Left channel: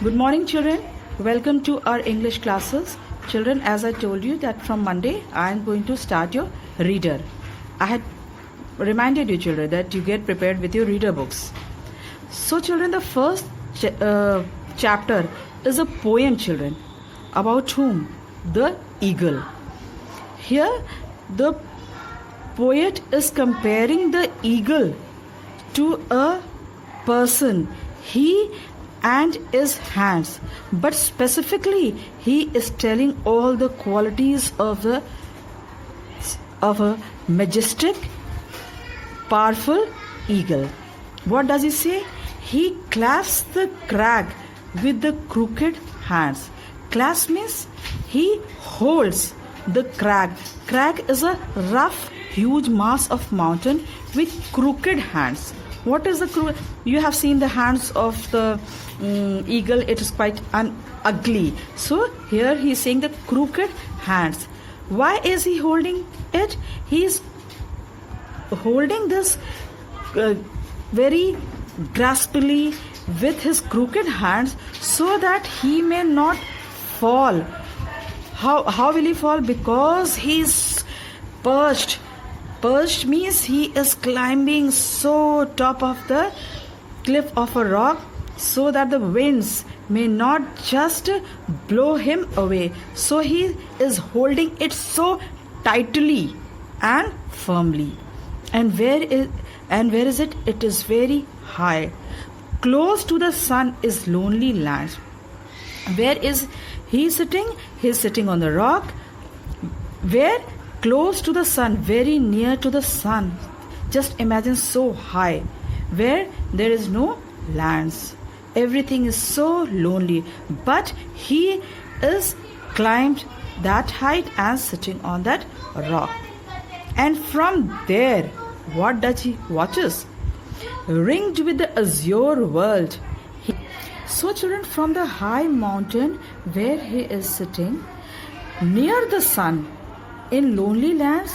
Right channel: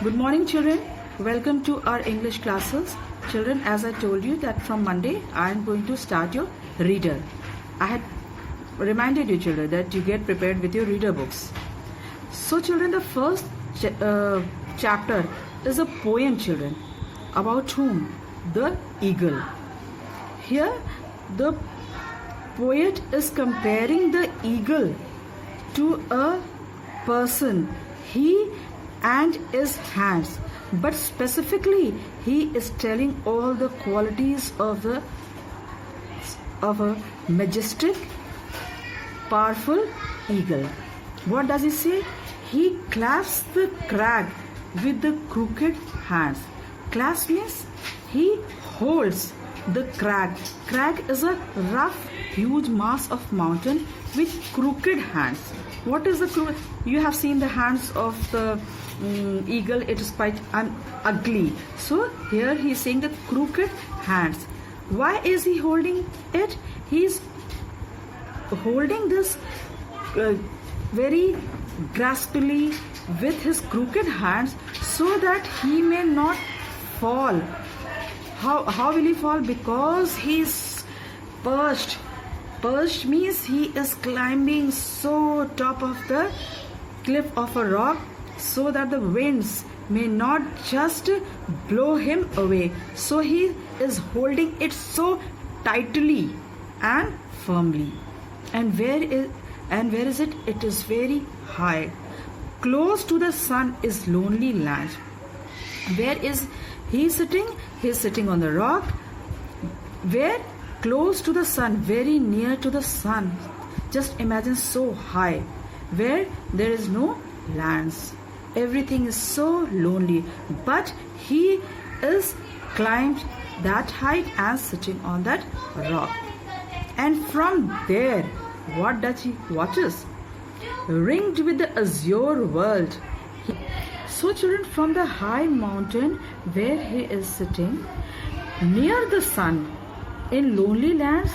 Good morning, children. Welcome to our English classes. Children, as I told you that from Monday I am going to start your reader. I had reminded you, children, that you get prepared with your reader books. So, children, the first chapter is a poem, children. About whom? The eagle. Here, the poet is comparing the eagle to a person. He and his hands, but specifically he is telling all the qualities of a majestic, powerful eagle. What does he say? He clasps the crag with the crooked hands. Clasp means he holds the crag. Crag is a rough, huge mass of mountain with crooked hands. What is the you have seen the hands of the eagle? It is quite ugly. So here he is saying the crooked hands. Why is he holding it? He is holding this very graspily with his crooked hands so that he may not fall. How will he fall? Because he is perched. Perched means he is climbing so top of the cliff of a rock so that the winds may not just blow him away. So he is holding it so tightly and firmly. And where is it? It is very high. Close to the sun is lonely land. Where is he sitting? He is sitting on the rock. Where? Close to the sun, very near to the sun. Just imagine so high, where there is no lands. Everything is so lonely, but he is climbed that height and sitting on that rock. And from there, what does he watches? Ringed with the azure world. So children, from the high mountain where he is sitting, near the sun, in lonely lands,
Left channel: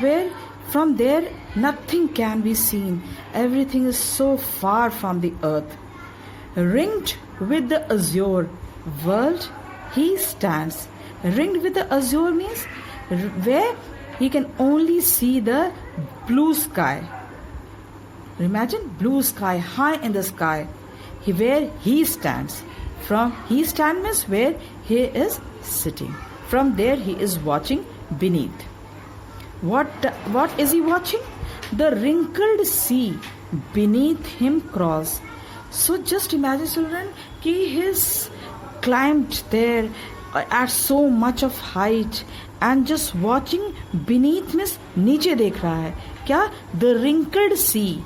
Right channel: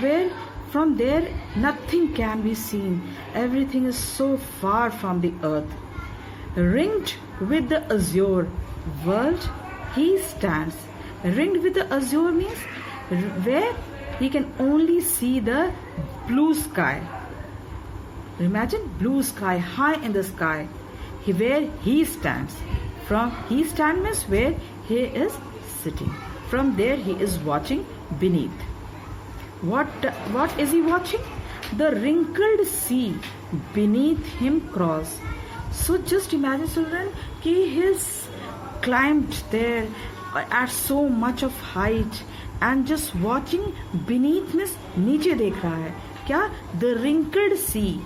where from there nothing can be seen, everything is so far from the earth. Ringed with the azure world, he stands. Ringed with the azure means where he can only see the blue sky. Imagine blue sky, high in the sky, where he stands. From he stand means where he is sitting. From there he is watching beneath. What is he watching? The wrinkled sea beneath him crawls. So just imagine, children, he has climbed there at so much of height and just watching beneath means नीचे देख रहा है क्या? The wrinkled sea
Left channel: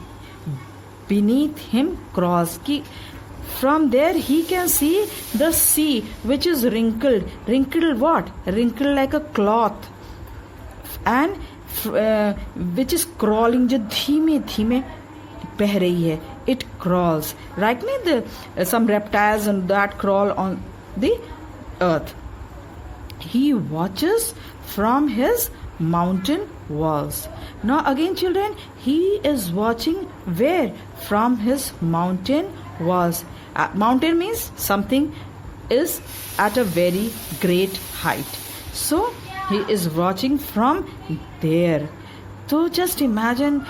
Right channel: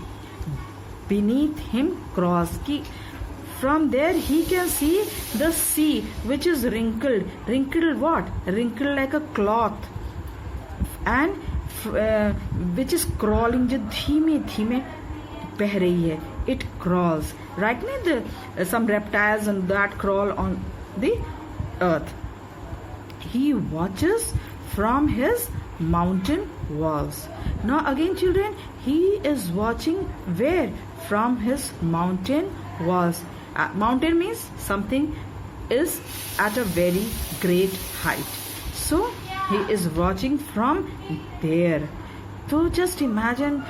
beneath him crawls. From there he can see the sea which is wrinkled. Wrinkled what? Wrinkled like a cloth. And which is crawling, जो धीमे धीमे बह रही है. It crawls. Right? Some reptiles and that crawl on the earth. He watches from his mountain walls. Now again, children, he is watching where? From his mountain walls. Mountain means something is at a very great height. So he is watching from there. So just imagine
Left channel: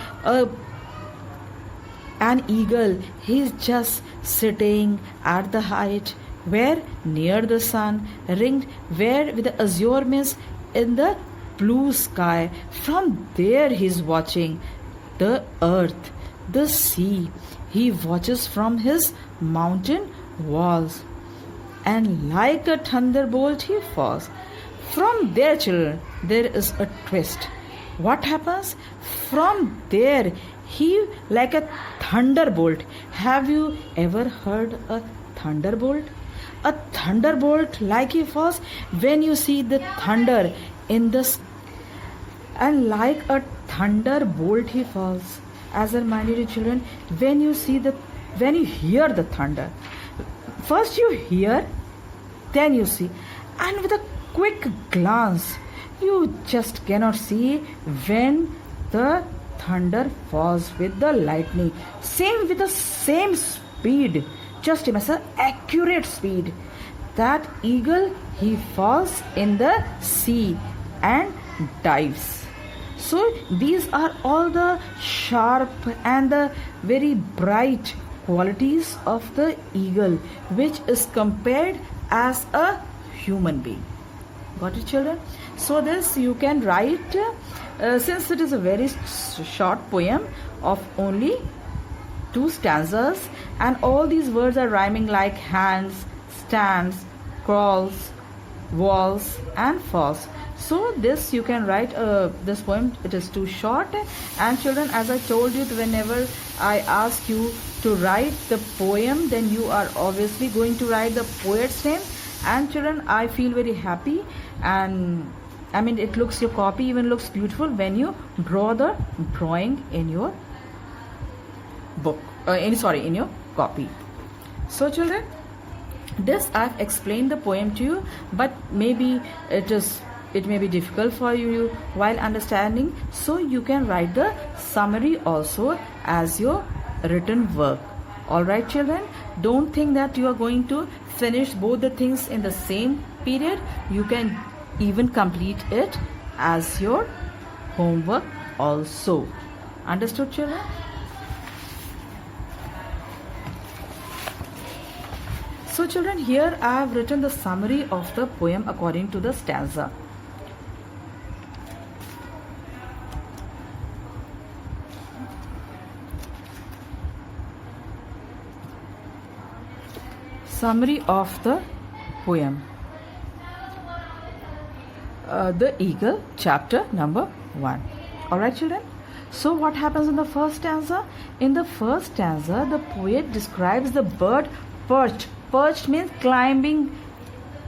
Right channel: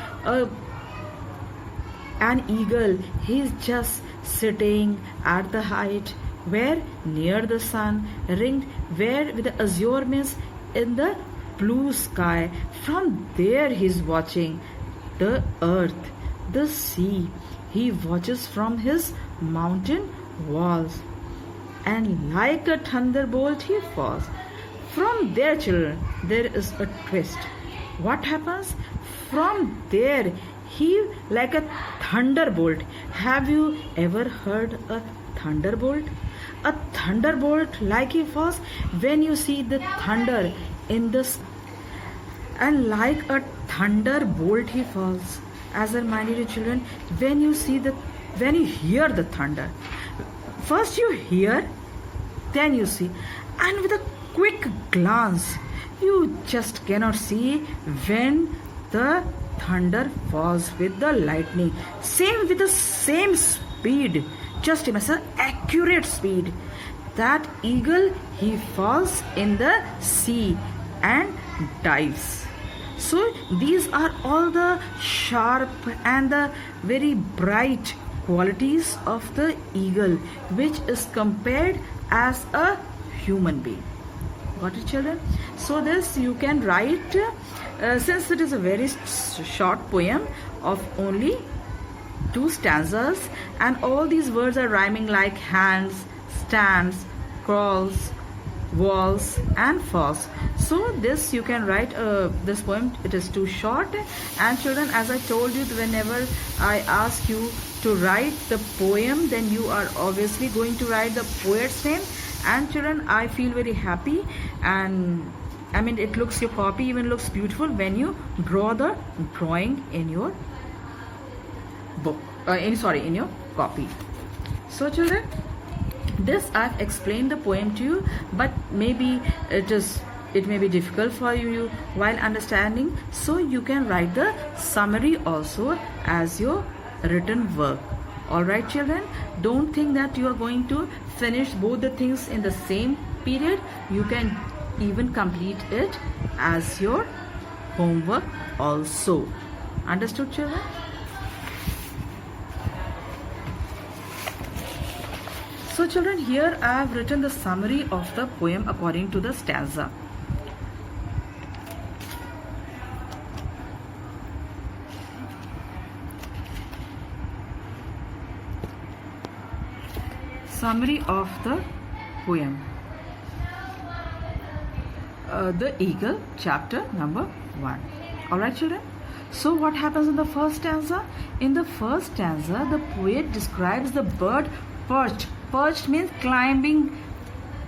an eagle. He is just sitting at the height where? Near the sun, ringed where with the azure means in the blue sky. From there he is watching the earth, the sea. He watches from his mountain walls, and like a thunderbolt he falls. From there, children, there is a twist. What happens? From there, he like a thunderbolt. Have you ever heard a thunderbolt? A thunderbolt like he falls when you see the thunder in the sky. And like a thunderbolt he falls. As I reminded you, children, when you hear the thunder, first you hear, then you see, and with a quick glance, you just cannot see when the thunder falls with the lightning. Same with the same speed just imagine accurate speed. That eagle, he falls in the sea and dives. So these are all the sharp and the very bright qualities of the eagle, which is compared as a human being. Got it, children? So this you can write, since it is a very short poem of only 2 stanzas, and all these words are rhyming like hands, stands, crawls, walls and falls. So this you can write this poem. It is too short, and children, as I told you, whenever I ask you to write the poem, then you are obviously going to write the poet's name. And children, I feel very happy, and I mean it looks, your copy even looks beautiful when you draw the drawing in your book, in your copy. So children, this I've explained the poem to you, but maybe it may be difficult for you while understanding, so you can write the summary also as your written work. Alright children, don't think that you are going to finish both the things in the same period. You can even complete it as your homework also. Understood children? So children, here I have written the summary of the poem according to the stanza. Summary of the poem. The Eagle, chapter number 1. Alright children. So what happens in the first stanza? In the first stanza, the poet describes the bird perched. Perched means climbing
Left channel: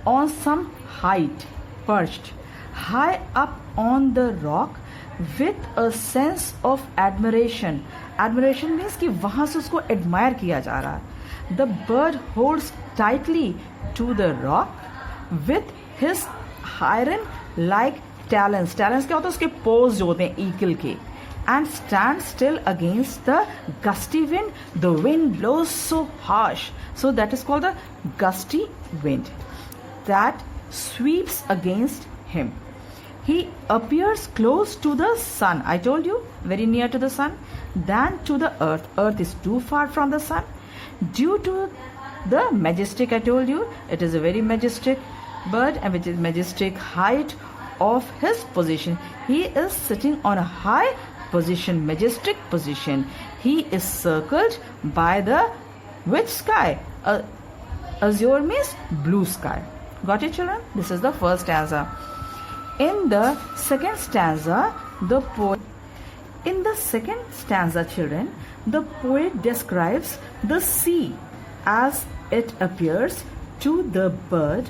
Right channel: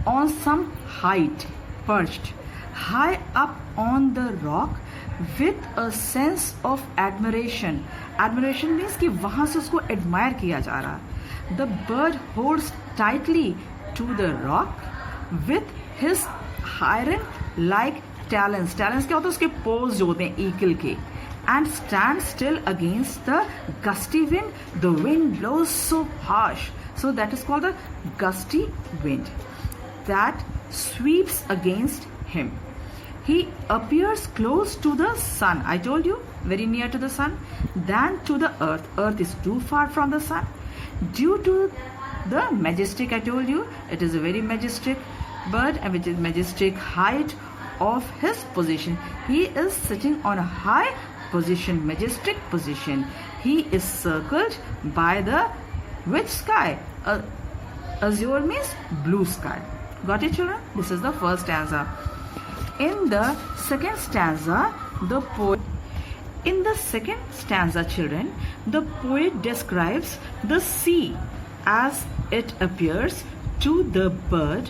on some height. Perched. High up on the rock with a sense of admiration. Admiration means कि वहाँ से उसको admire किया जा रहा. The bird holds tightly to the rock with his iron-like talons. Talons क्या होता है? उसके paws जो होते हैं eagle के. And stands still against the gusty wind. The wind blows so harsh. So that is called the gusty wind that sweeps against him. He appears close to the sun. I told you, very near to the sun. Than to the earth. Earth is too far from the sun. Due to the majestic, I told you, it is a very majestic bird, and which is majestic height of his position. He is sitting on a high position, majestic position. He is circled by the which sky? Azure means blue sky. Got it children? This is the first stanza. In the second stanza, children, the poet describes the sea as it appears to the bird,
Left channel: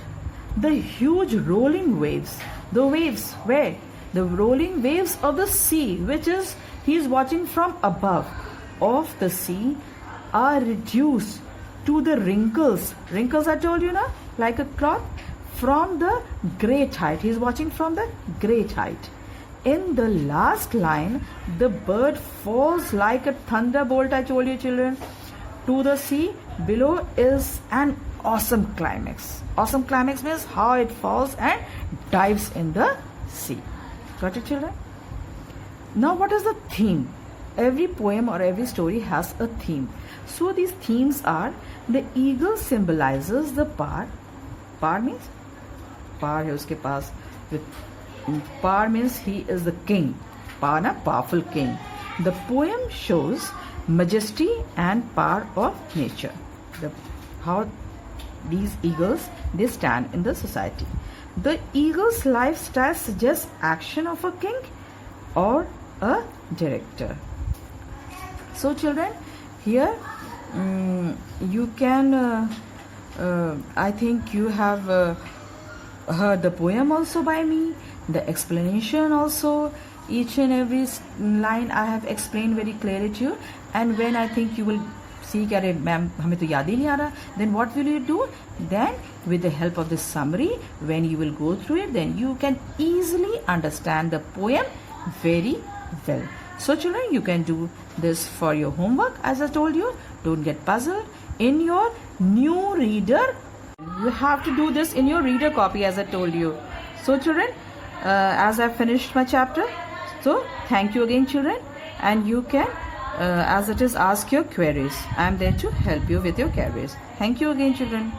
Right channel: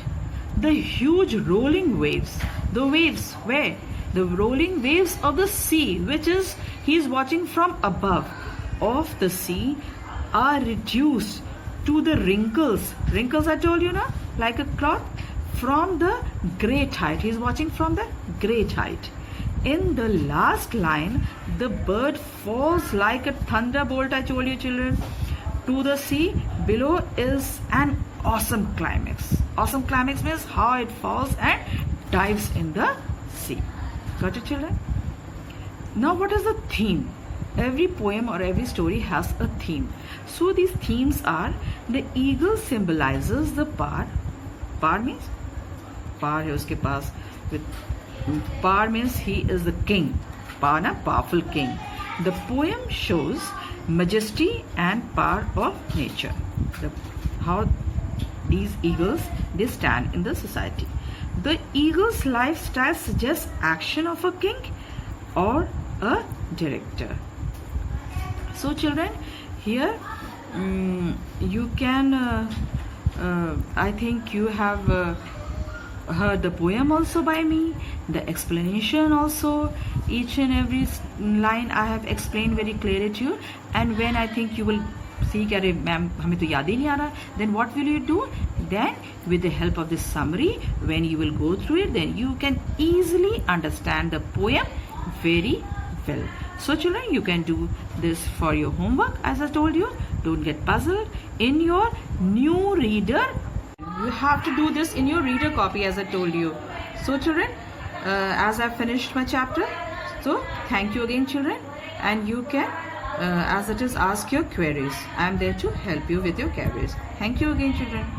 the huge rolling waves. The waves where? The rolling waves of the sea, which is he is watching from above of the sea, are reduced to the wrinkles. Wrinkles I told you now, like a cloth, from the great height. He is watching from the great height. In the last line, the bird falls like a thunderbolt, I told you children, to the sea. Below is an awesome climax. Awesome climax means how it falls and dives in the sea. Got it children? Now what is the theme? Every poem or every story has a theme. So these themes are: the eagle symbolizes the power. Power means power है उसके पास. With power means he is the king. Power na powerful king. The poem shows majesty and power of nature. How these eagles, they stand in the society. The eagle's lifestyle suggests action of a king or a director. So children, here you can, I think you have heard the poem also by me, the explanation also, each and every line I have explained very clearly to you. And when I think you will see कि अरे ma'am हमें तो याद ही नहीं आ रहा, then what will you do? Then with the help of this summary, when you will go through it, then you can easily understand the poem very well. So children, you can do this for your homework. As I told you, don't get puzzled. In your new reader. You have to do this in your reader copy as I told you. So children, as I finished my chapter, so thank you again children, and you can as it is ask your queries. I am there to help you with your queries. Thank you again children.